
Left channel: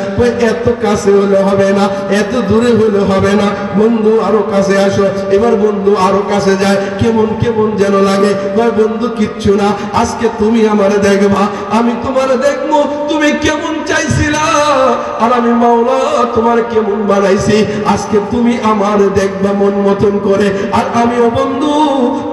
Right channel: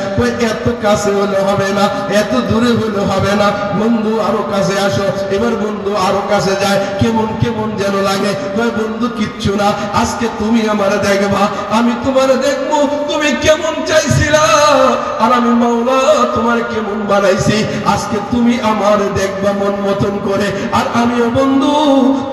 এত কাছে হলে হবে না, এত দূরে হলে হবে না, বন্ধু আরো কাছে আসো। এবার বন্ধু আরো কাছে যায়, কেমন কেমন যেন লাগে। বন্ধু কিচ্ছু না, আজকে তুমি আমারে দেখবা, আমি তোমারে দেখবো, তুমি কেমন চাইছিলা আর আমি মাওলা তোমার কেমন বানাইছি, আজকে তুমি আমার দেখবা মন মতন করে, আর আমিও বন্ধু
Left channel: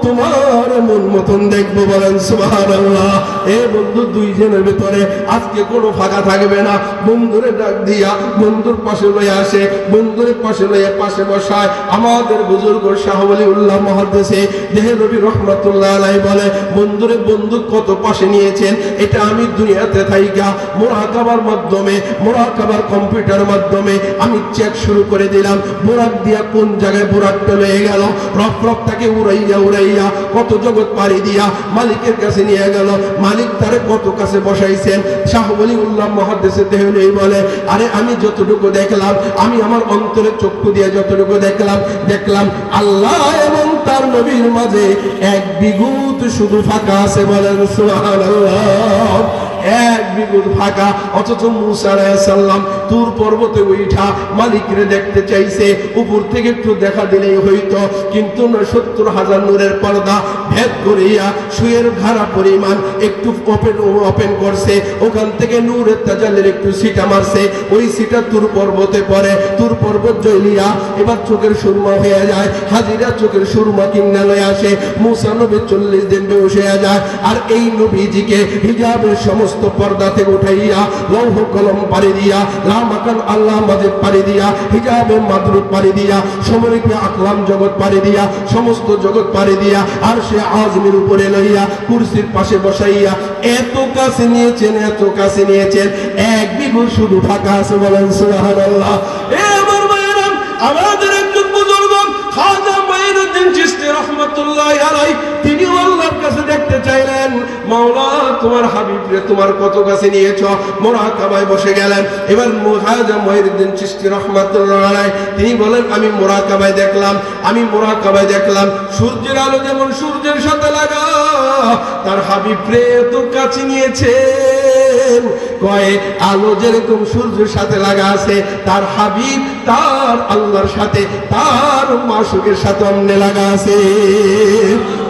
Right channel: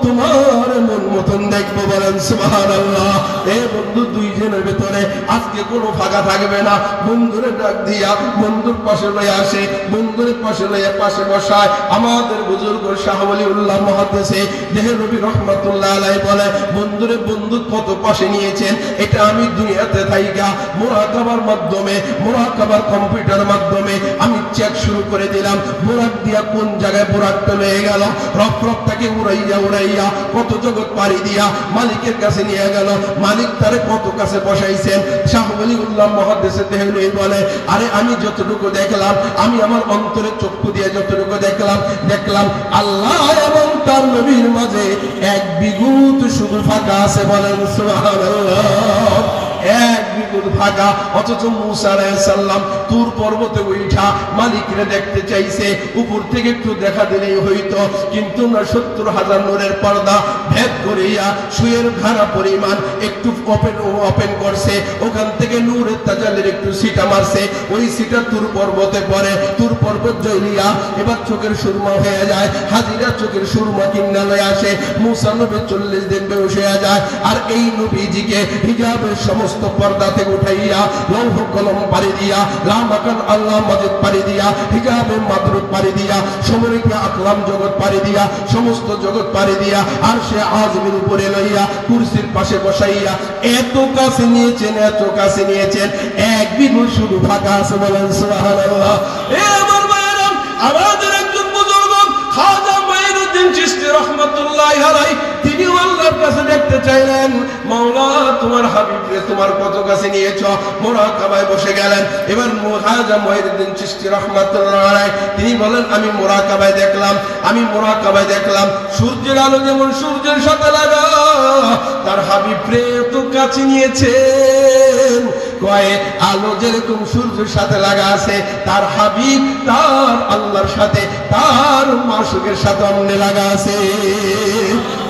তোমার মন মতন দেখবো। বলেন সুবহানাল্লাহ। এ বন্ধু, দুইজনের ভিতরে আজকে কোনো ফাঁকা থাকবে না। বন্ধুরে ডাক দিয়া বন্ধুর পাশে লয়ে আসে, বন্ধুর পাশে লয়ে পাশে বসায় আমাদের বুজুর্গ শাহ ওলিউল্লাহ মুহাদ্দিসে দেহলভী রহমাতুল্লাহ আলাইহি বলে, বন্ধুরে বন্ধু কত পাশে নিয়েছেন, এটা আমি দুনিয়াতে থাইকা মুরাকাবার মাধ্যমে, মুরাকাবার কম্পিউটার মাধ্যমে আমি চেক শুরু করে দিলাম। বুরাক দিয়া কোন জায়গায় বুরাকটা লয়ে গেল, রফরফটাকে উড়াইয়া উড়াইয়া কত জগৎ পাড়ি দিয়া মালিকের কাছে নিয়ে গেল। মালিক তারে কত কাছে বসাইছেন। শাহ ওলিউল্লাহ মুহাদ্দিসে দেহলভী বলে, আরে আমি যতটুকু দেখলাম, আমি আমার অন্তরের চক্ষু দিয়ে যতটুকু দেখলাম আল্লাহ এবং তার নবীর মাঝে এক বিঘত শুধু ফাঁকা আছে। বলেন সুবহানাল্লাহ। এক বিঘত ফাঁকা। অথচ মূসা আলাইহিস সালাম তুর পর্বতে উঠা মালিকরে দেখতে চাইছে, উপর থেকে একটু দেখা দিলেই হইতো, কিন্তু না ৭০,০০০ নূরের পর্দা ভেদ করিয়া সুয়ের ঘাড়া পরিমাণ একটু ওপেন করছে, ওখান থেকে নূরের তাজাল্লির একটু সিটা মারছে, ওই সিটা তুর পর্বতে পড়ে। তুর পর্বত জ্বলিয়া এবার চোখের সুরমা হয়ে যায়। হাজিরা চোখের সুরমা কিনে লয়ে আসে। মূসা নবী ৪০ দিন বেহুশ হয়ে যায়। আর এই নবীজিকে হিজাবের সমস্ত পর্দা থেকে উঠাইয়া লৌহ কলম পাড়ি দিয়া, লামাকান আল্লাহ মাজিদ পাড়ি দিয়া, হিজাবে মাদরুক পাড়ি দিয়া, সমরিপে আকলাম জগৎ পাড়ি দিয়া, সমস্ত জগৎ পাড়ি দিয়া, আর সে আজমির উপরে লইয়া কুরসির পাশে বসাইয়া এত কাছে নিয়েছেন, এত কাছে নিয়েছেন, এক বিঘত শুধু ফাঁকা আছে। বলেন সুবহানাল্লাহ। এ আমার ভাইরা, আমাদের একজন বুজুর্গ খাজা মাইনুদ্দিন চিশতি রাহমাতুল্লাহি আলাইহি, তিনি আল্লাহর কাছে দেখতে চাইলেন, মাওলা তোমার হাবিবকে তোমার কত কাছে নিয়েছ। মুরাকাবায় বসে গেলেন। এবার খাজা মাইনুদ্দিন চিশতি রাহমাতুল্লাহি আলাইহি তিনি বলেন, আমি মুরাকাবায় দেখলাম সূর্যের আলো যেমন সূর্যের সাথে লাগা, তার হাবিব রে এত কাছে নিয়েছেন। কয় আলো যেরকম সূর্যের সাথে লাগা আছে, তার হাবিব তার আল্লাহর সাথে, তার মাসুকের সাথে অমনে লাগা আছে।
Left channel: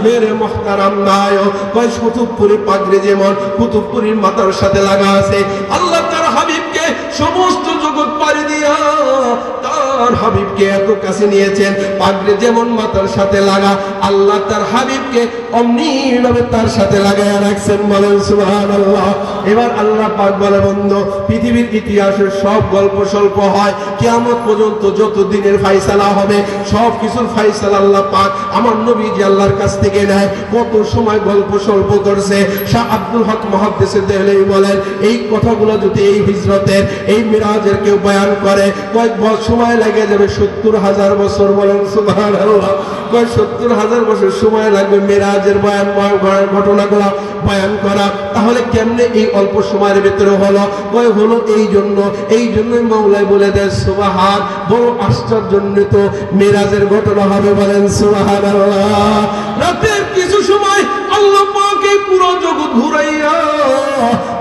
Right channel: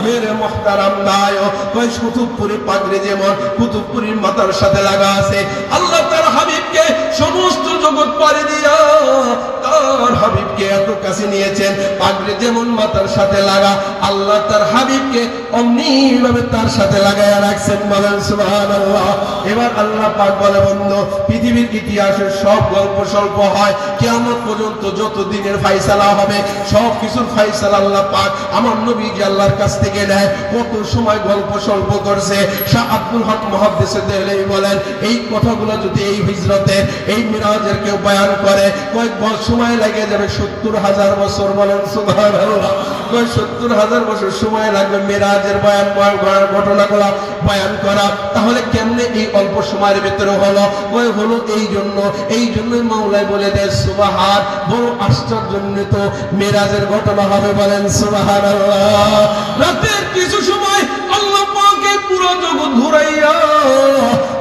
মেরে মুহতারাম ভাইও, কয় কুতুবপুরি পাগড়ি যেমন কুতুবপুরির মাথার সাথে লাগা আছে, আল্লাহ তার হাবিবকে সমস্ত জগৎ পাড়ি দিয়া তার হাবিবকে এত কাছে নিয়েছেন। পাগড়ি যেমন মাথার সাথে লাগা, আল্লাহ তার হাবিবকে অমনি ভাবে তার সাথে লাগায় রাখছেন। বলেন সুবহানাল্লাহ। এবার আল্লাহ পাক বলে, বন্ধু পৃথিবীর ইতিহাসের সব গল্প স্বল্প হয়, কিয়ামত পর্যন্ত যত দিনের ফায়সালা হবে সব কিছুর ফায়সালা আল্লাহ পাক আমার নবীজি আল্লাহর কাছ থেকে নেয়। কত সময় গল্প স্বল্প করছে। শাহ আব্দুল হক মুহাদ্দিসে দেহলভী বলেন, এই কথাগুলো যদি এই হিজরতের, এই মিরাজের কেউ বয়ান করে, কয়েক সময় লাগে যাবে ৭০,০০০ বছর। বলেন সুবহানাল্লাহ। ৭০,০০০ বছর সময় লাগবে মিরাজের ঘটনাগুলো বয়ান করা। তাহলে কেমনে এই অল্প সময়ের ভিতরে হলো? হলো এই জন্যই মওলাই বলে দেয় সুবহান, বড় আশ্চর্যান্বিত মিরাজের ঘটনা হবে। বলেন সুবহানাল্লাহ। রাতের কিছু সময় আল্লাহ পাকে পুরো জগৎ ঘুরাইয়া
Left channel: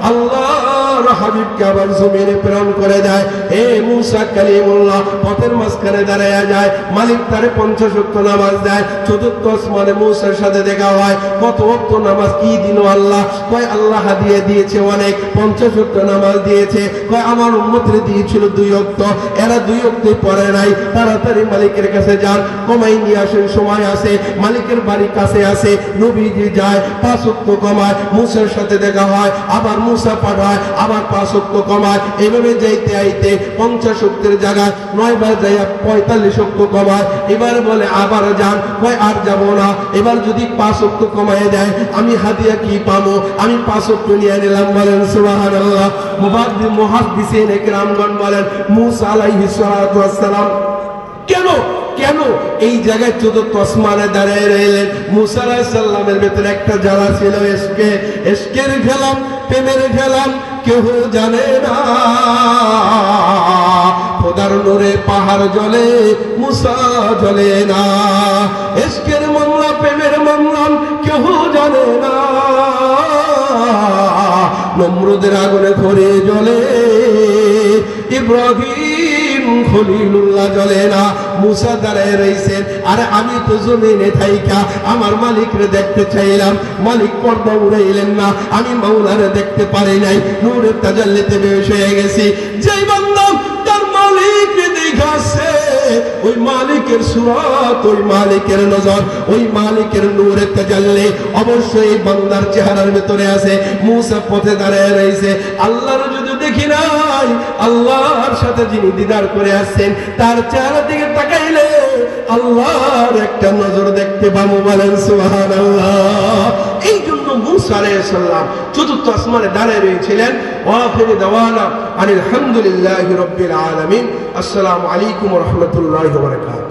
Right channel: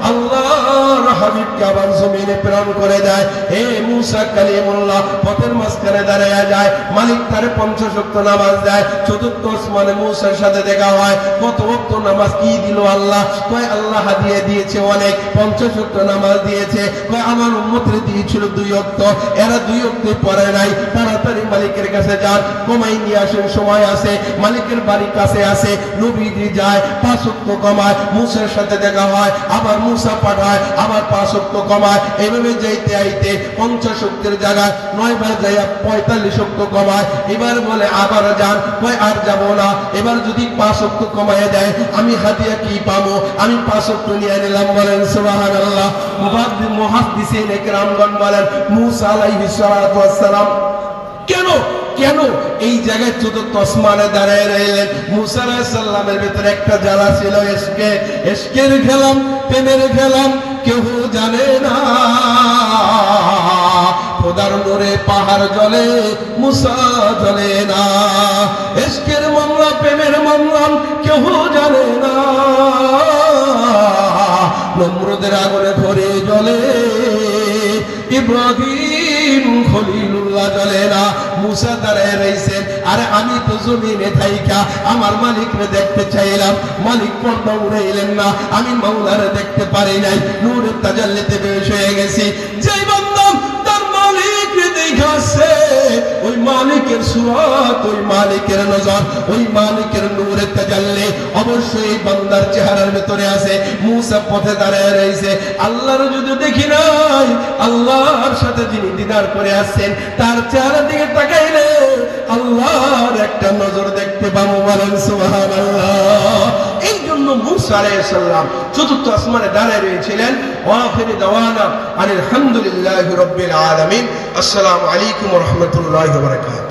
আল্লাহর হাবিবকে আবার জমিনে প্রেরণ করে দেয়। এ মূসা কালিমুল্লাহ পথের মাঝখানে দাঁড়ায়া যায়, মালিক তারে ৫০ ওয়াক্ত নামাজ দেয়। চতুর্থ আসমানে মূসার সাথে দেখা হয়। কত ওয়াক্ত নামাজ কি দিল আল্লাহ? কয় আল্লাহ হাদিয়া দিয়েছে অনেক, ৫০ ওয়াক্ত নামাজ দিয়েছে। কয় আমার উম্মতরে দিয়েছিল ২ ওয়াক্ত, এরা ২ ওয়াক্তই পড়ে নাই। তাড়াতাড়ি মালিকের কাছে যান, কমাই নিয়ে আসেন, সময় আছে, মালিকের বাড়ির কাছে আছে। নবীজি যায়, ৫ ওয়াক্ত কমায়, মূসার সাথে দেখা হয়, আবার মূসা পাঠায়, আবার ৫ ওয়াক্ত কমায়। এইভাবে যাইতে আইতে ৫০ ওয়াক্তের জায়গায় ৯ বার যাইয়া ৪৫ ওয়াক্ত কমায়। এবার বলে আবার যান, কয় আর যাব না। এবার যদি ৫ ওয়াক্ত কমায় দেয়, আমি হাদিয়া কি পাবো? আমি ৫ ওয়াক্ত নিয়ে নিলাম। বলেন সুবহানাল্লাহ। মুহাদ্দিসিন ইকরামগণ বলেন, মূসা আলাইহিস সালাতু ওয়াস সালাম কেন এই জায়গায় চতুর্থ আসমানে দাঁড়ায় রইলেন? মূসা আলাইহিস সালামের ভিতরে একটা জ্বালা ছিল, এশকের ফেলাম, প্রেমের ফেলাম, কেউ জানে না। খোদার নূরে পাহাড় জ্বলে, মূসা জ্বলে না। এশকের মামলা, প্রেমের মামলা, কেউ জানে না। নমরুদের আগুনে ধরে জ্বলে, ইব্রাহিম খলিলুল্লাহ জ্বলে না। মূসা দাঁড়ায় রইছেন, আরে আমি তো জমিনে থাইকা আমার মালিকরে দেখতে চাইলাম, মালিক পর্দা উড়াইলেন না, আমি মাওলারে দেখতে পারি নাই। নূরের তাজাল্লিতে বেহুশ হয়ে গেছি। যেই বান্দা তার মালিক সুরাত, ওই মালিকের নজর, ওই মালিকের নূরে তাজাল্লি অবশ্যই বান্দার চেহারার ভিতরে আছে। মুসা পথে দাঁড়ায় রয়েছে, আল্লাহর যদি দেখি নাই, আল্লাহর সাথে যিনি দিদার করে আসছেন তার চেহারা দিকে তাকাইলে আল্লাহর একটা নজর দেখতে পাবো। বলেন সুবহানাল্লাহ। এই জন্য মুসা আলাইহিস সালাম চতুর্থ আসমানে দাঁড়ায় রয়েছিলেন। ওয়া আখিরু দাওয়ানা আলহামদুলিল্লাহি রাব্বিল আলামিন। আসসালামু আলাইকুম ওয়া রাহমাতুল্লাহি ওয়া বারাকাতুহু।